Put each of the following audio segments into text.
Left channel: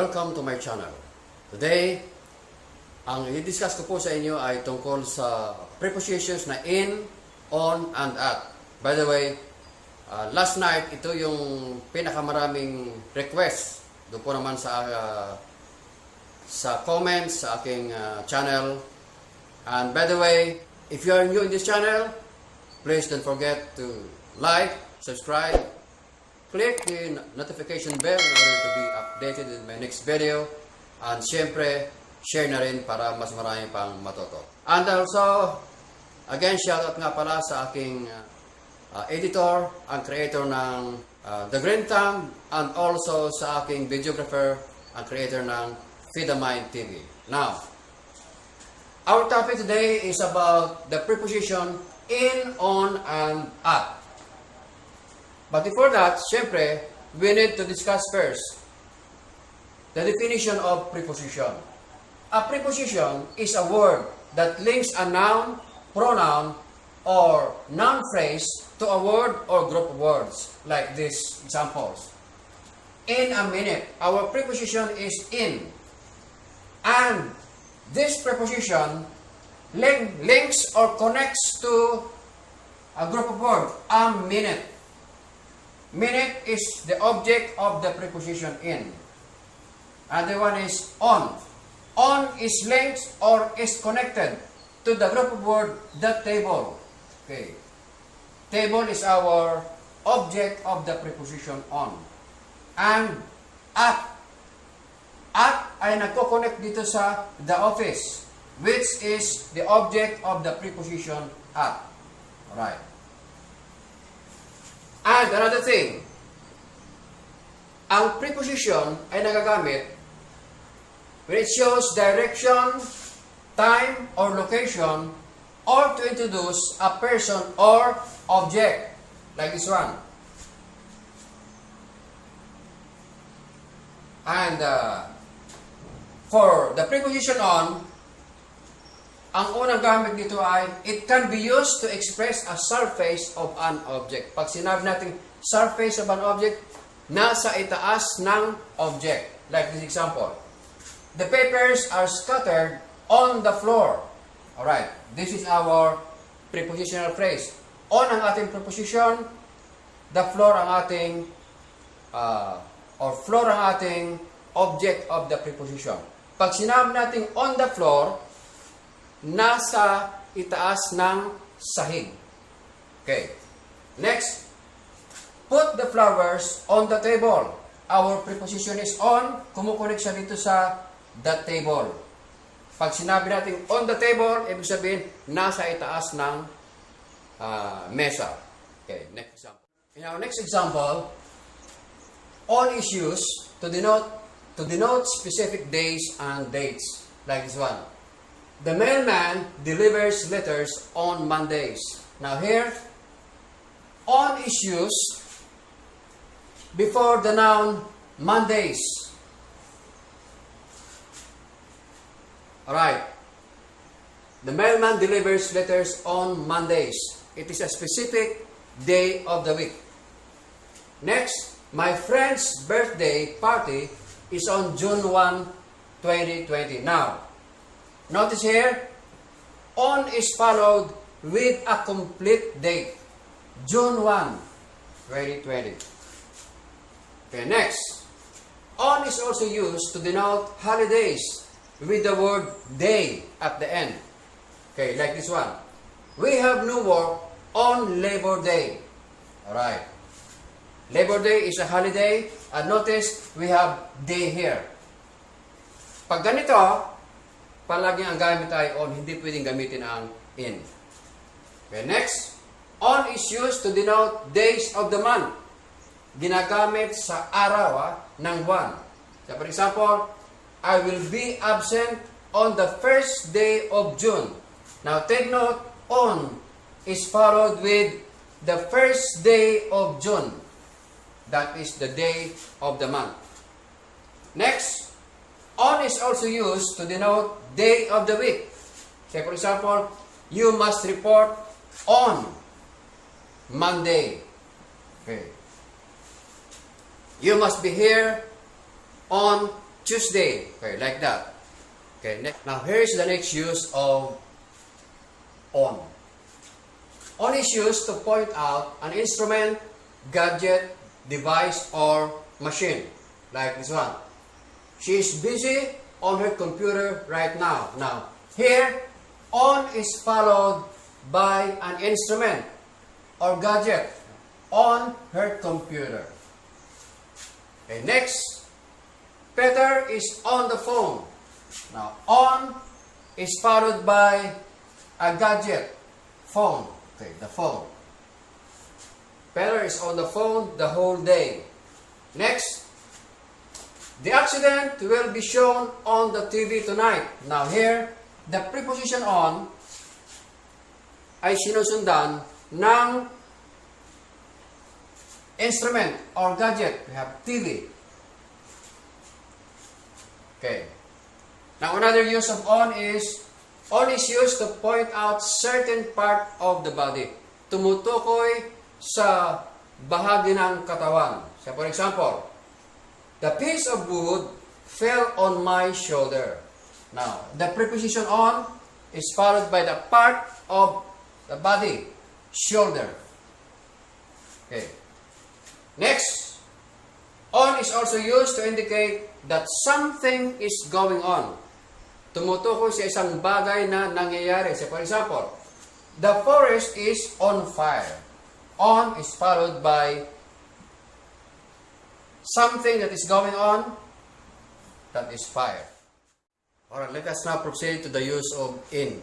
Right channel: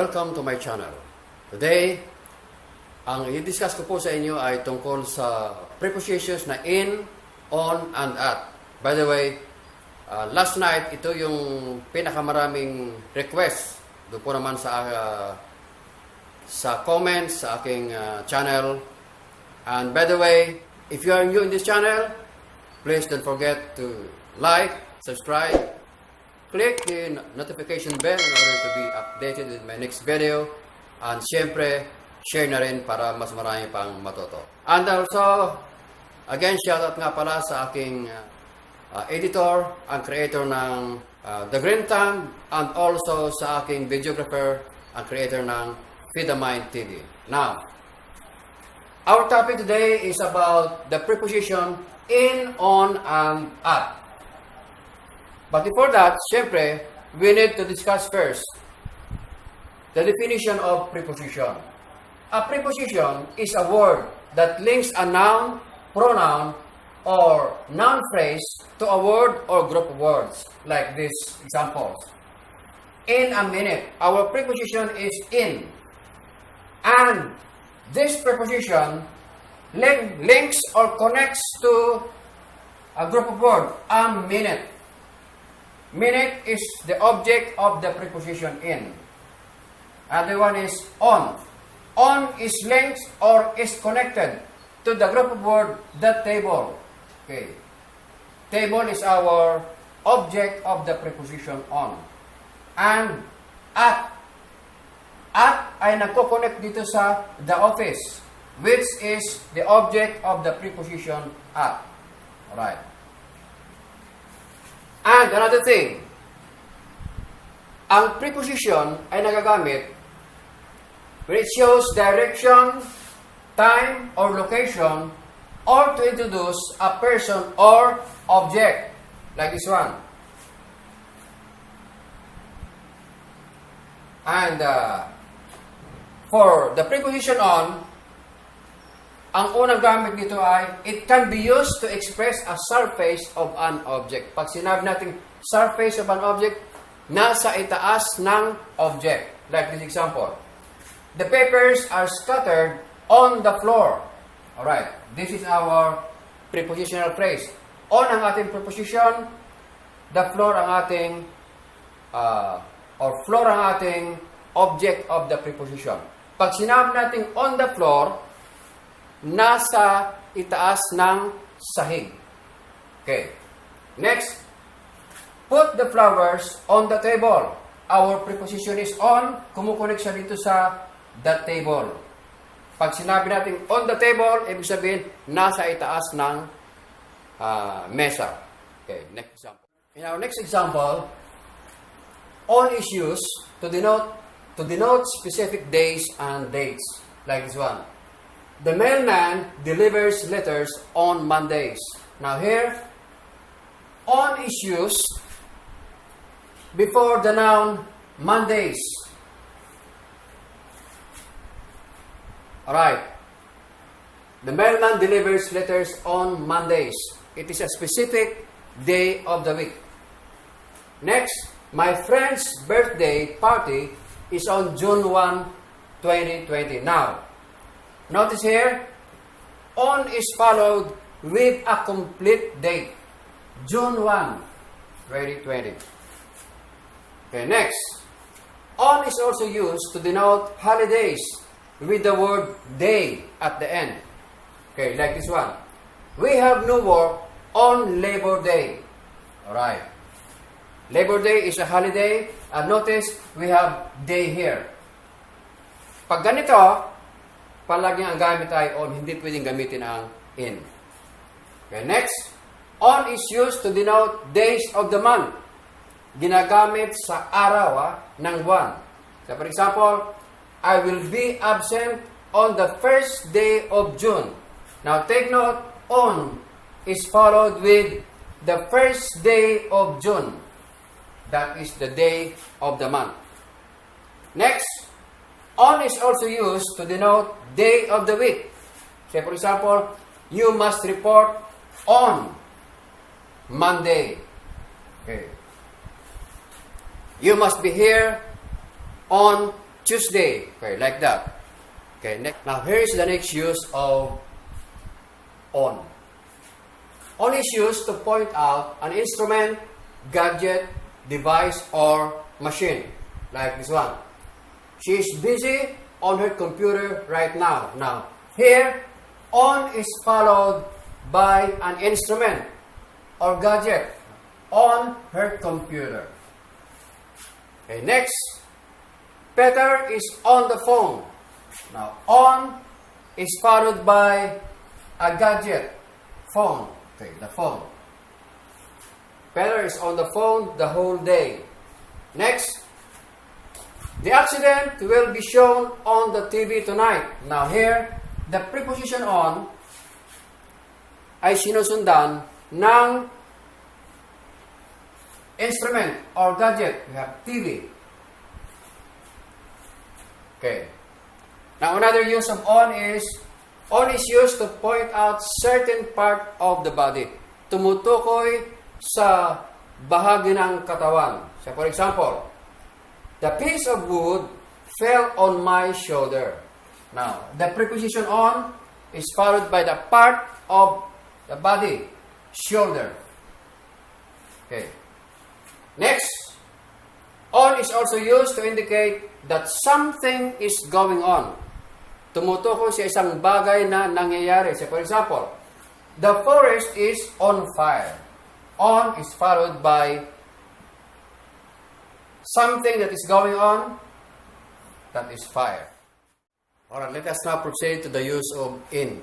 Welcome to my channel. Today, ang i-discuss ko po sa inyo ay tungkol sa prepositions na in, on, and at. By the way, last night, ito yung pinakamaraming request. Doon po naman sa comments sa aking channel. And by the way, if you are new in this channel, please don't forget to like, subscribe, click the notification bell in order to be updated with my next video. And siyempre, share na rin para mas marami pang matuto. And also, again, shoutout nga pala sa aking editor and creator ng The Green Thumb, and also sa aking videographer and creator ng Feed the Mind TV. Now, our topic today is about the preposition in, on, and at. But before that, syempre, we need to discuss first the definition of preposition. A preposition is a word that links a noun, pronoun, or noun phrase to a word or group of words, like these examples. In a minute, our preposition is in. And this preposition links or connects to a group of words, a minute. Minute is the object of the preposition in. Other one is on. On is linked or is connected to the group of word, the table. Okay. Table is our object of the preposition on. And at. At ay nagko-connect dito sa the office, which is the object of the preposition at. Alright. And another thing, ang preposition ay nagagamit when it shows direction, time, or location, or to introduce a person or object, like this one. And for the preposition on, ang unang gamit dito ay, it can be used to express a surface of an object. Pag sinabi natin surface of an object, nasa itaas ng object. Like this example. The papers are scattered on the floor. Alright, this is our prepositional phrase. On ang ating preposition, the floor ang ating, or floor ang ating object of the preposition. Pag sinabi natin on the floor, nasa itaas ng sahig. Okay. Next, put the flowers on the table. Our preposition is on. Kumukunik siya dito sa the table. Pag sinabi natin on the table, ibig sabihin, nasa itaas ng mesa. Okay, next example. In our next example, on is used to denote specific days and dates. Like this one. The mailman delivers letters on Mondays. Now here, on is used before the noun Mondays. Alright. The mailman delivers letters on Mondays. It is a specific day of the week. Next, my friend's birthday party is on June 1, 2020. Now, notice here, on is followed with a complete date. June 1, 2020. Okay, next. On is also used to denote holidays with the word day at the end. Okay, like this one. We have no work on Labor Day. Alright. Labor Day is a holiday. And notice, we have day here. Pag ganito, palagi ang gamit ay on, hindi pwedeng gamitin ang in. Okay, next. On is used to denote days of the month. Ginagamit sa araw ng buwan. So, for example, I will be absent on the first day of June. Now, take note, on is followed with the first day of June. That is the day of the month. Next, on is also used to denote day of the week. Say, for example, you must report on Monday. Okay. You must be here on Tuesday. Okay, like that. Okay, now here is the next use of on. On is used to point out an instrument, gadget, device, or machine. Like this one. She is busy on her computer right now. Now, here, on is followed by an instrument or gadget on her computer. Okay, next, Peter is on the phone. Now, on is followed by a gadget, phone. Okay, the phone. Peter is on the phone the whole day. Next, the accident will be shown on the TV tonight. Now here, the preposition on ay sinusundan ng instrument or gadget. We have TV. Okay. Now another use of on is used to point out certain part of the body. Tumutukoy sa bahagi ng katawan. So for example, the piece of wood fell on my shoulder. Now, the preposition on is followed by the part of the body, shoulder. Okay. Next, on is also used to indicate that something is going on. Tumutukoy sa isang bagay na nangyayari. So, for example, the forest is on fire. On is followed by something that is going on, that is fire. Alright, let us now proceed to the use of in.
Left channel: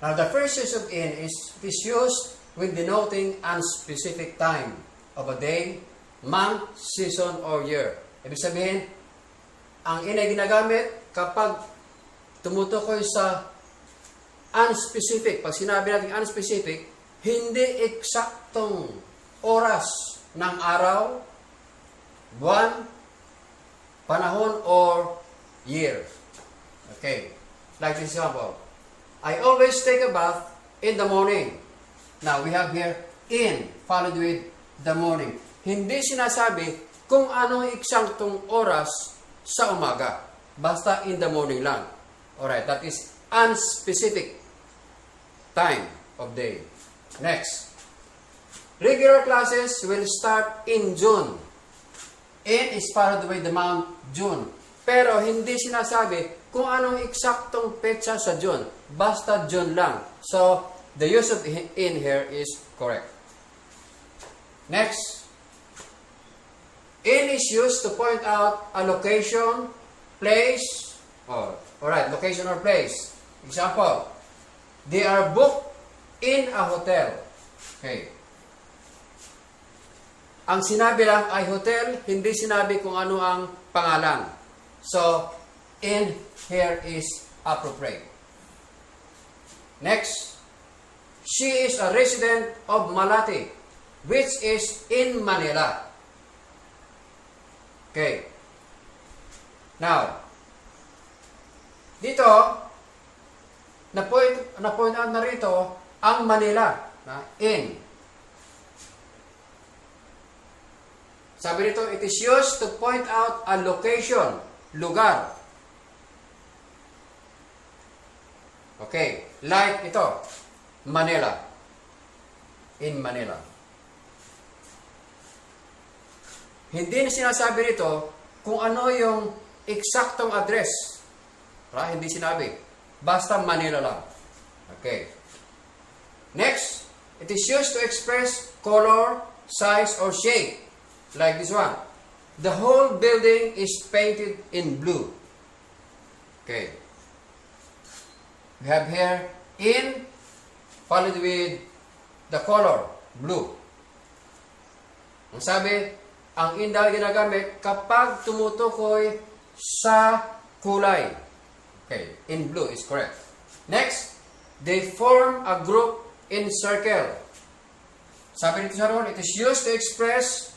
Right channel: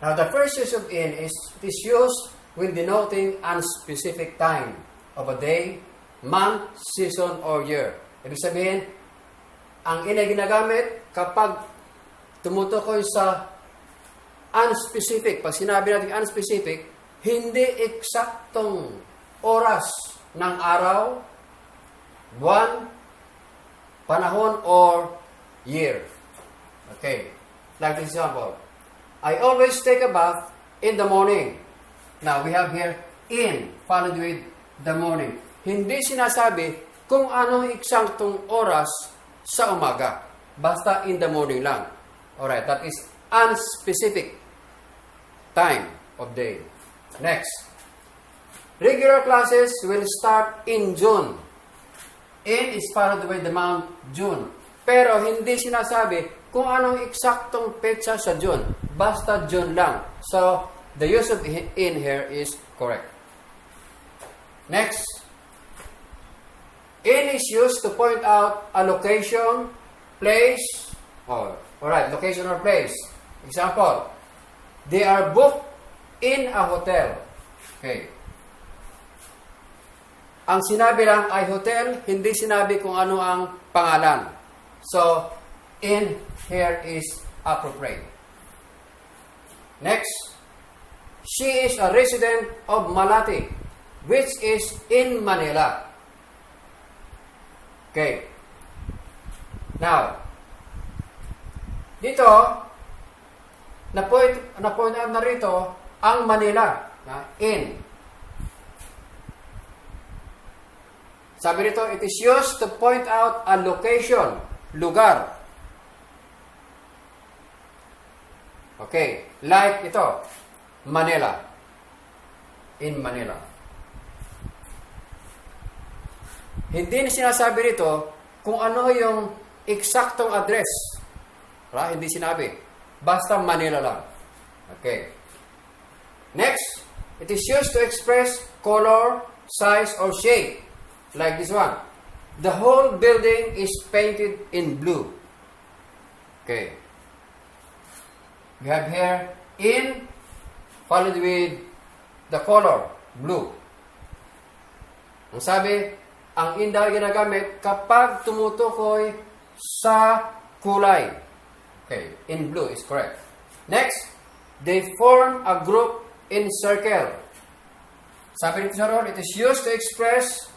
Now, the first use of in is used when denoting unspecific time of a day, month, season, or year. Ibig sabihin, ang in ay ginagamit kapag tumutukoy sa unspecific. Pag sinabi natin unspecific, hindi eksaktong oras ng araw, buwan, panahon, or year. Okay. Like this example. I always take a bath in the morning. Now, we have here in, followed with the morning. Hindi sinasabi kung anong eksaktong oras sa umaga. Basta in the morning lang. Alright, that is unspecific time of day. Next. Regular classes will start in June. In is followed by the month June. Pero hindi sinasabi kung anong eksaktong petsa sa June. Basta June lang. So, the use of in here is correct. Next. In is used to point out a location, place, location or place. Example, they are booked in a hotel. Okay. Ang sinabi lang ay hotel, hindi sinabi kung ano ang pangalan. So, in here is appropriate. Next, she is a resident of Malate, which is in Manila. Okay. Now, dito, na-point out na rito ang Manila. In. Sabi nito, it is used to point out a location, lugar. Okay, like ito, Manila. In Manila. Hindi na sinasabi rito kung ano yung eksaktong address. Hindi sinabi. Basta Manila lang. Okay. Next, it is used to express color, size, or shape. Like this one. The whole building is painted in blue. Okay. We have here in followed with the color, blue. Ang sabi, ang in daw ginagamit kapag tumutukoy sa kulay. Okay, in blue is correct. Next, they form a group in circle. Sabi nito sa role, it is used to express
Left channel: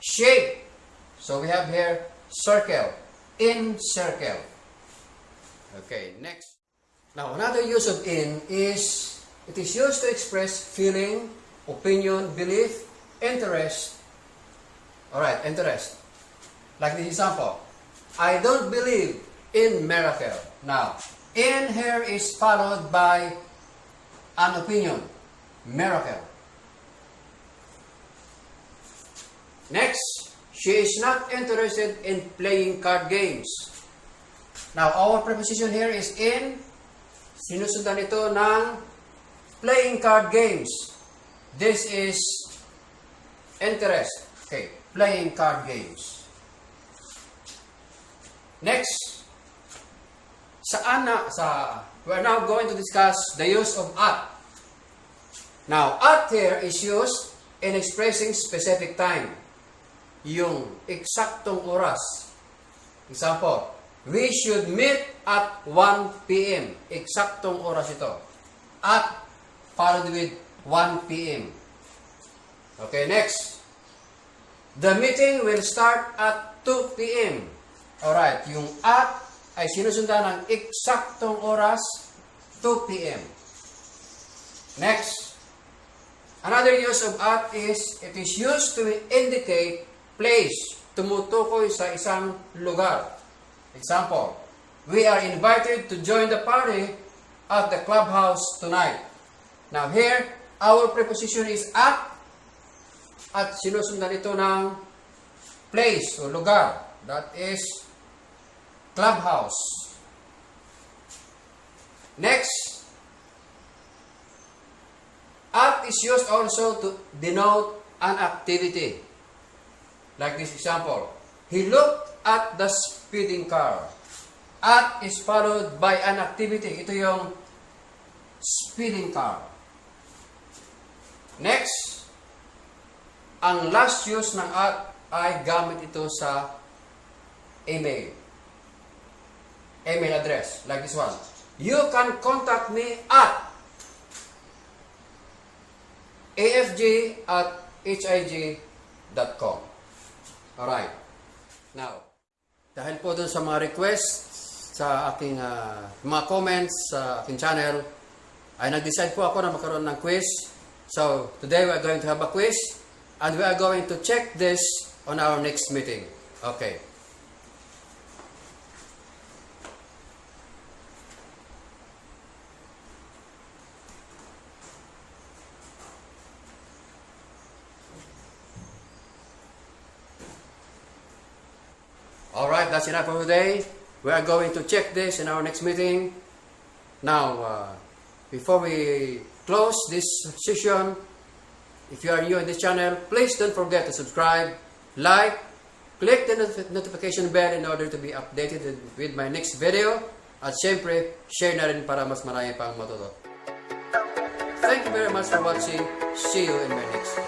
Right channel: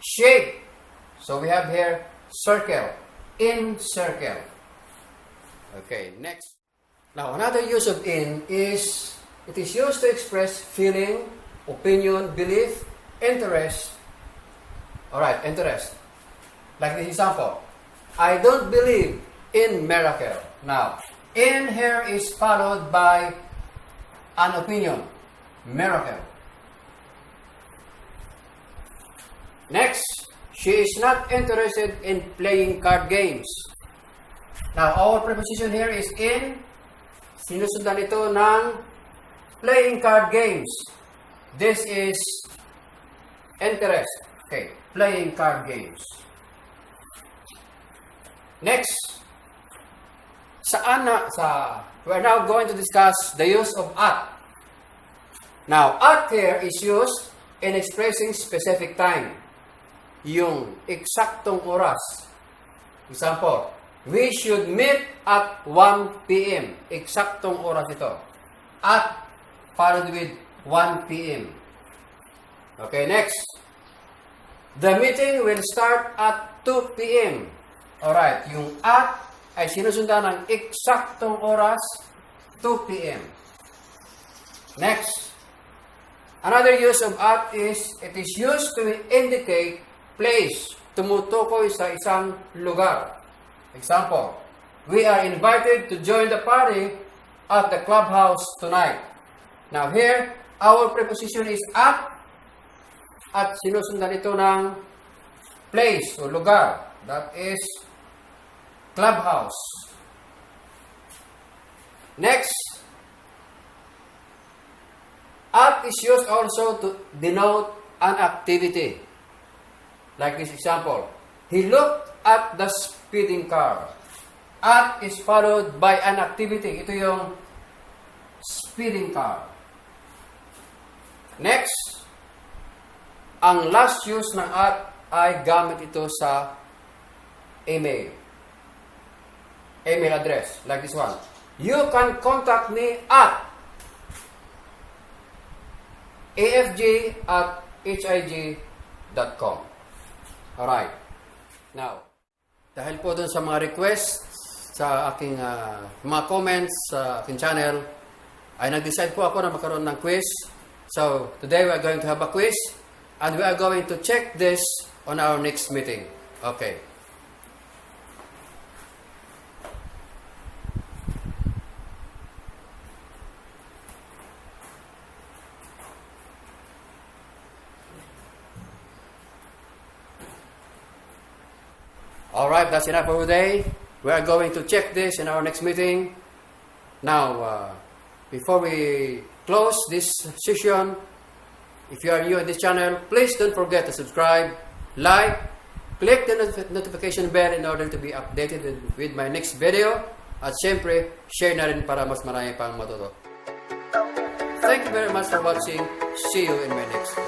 shape. So we have here circle, in circle. Okay, next. Now, another use of in is, it is used to express feeling, opinion, belief, interest. Alright, interest. Like this example. I don't believe in miracle. Now, in here is followed by an opinion. Miracle. Next, she is not interested in playing card games. Now, our preposition here is in. Sinusundan ito ng playing card games. This is interest. Okay, playing card games. Next, we're now going to discuss the use of at. Now, at here is used in expressing specific time. Yung eksaktong oras. Example, we should meet at 1 p.m. Eksaktong oras ito. At followed with 1 p.m. Okay, next. The meeting will start at 2 p.m. Alright, yung at ay sinusundan ng eksaktong oras, 2 p.m. Next. Another use of at is, it is used to indicate place, tumutukoy sa isang lugar. Example, we are invited to join the party at the clubhouse tonight. Now here, our preposition is at sinusundan ito ng place o lugar. That is clubhouse. Next, at is used also to denote an activity. Like this example, he looked at the speeding car. At is followed by an activity. Ito yung speeding car. Next, ang last use ng at ay gamit ito sa email. Email address, like this one. You can contact me at afg@hig.com. Alright. Now, dahil po dun sa mga requests, sa aking mga comments sa aking channel, ay nag-decide po ako na magkaroon ng quiz. So, today we are going to have a quiz and we are going to check this on our next meeting. Okay. Alright, that's enough for today. We are going to check this in our next meeting. Now, before we close this session, if you are new on this channel, please don't forget to subscribe, like, click the notification bell in order to be updated with my next video. At syempre, share na rin para mas marami pang matuto. Thank you very much for watching. See you in my next video.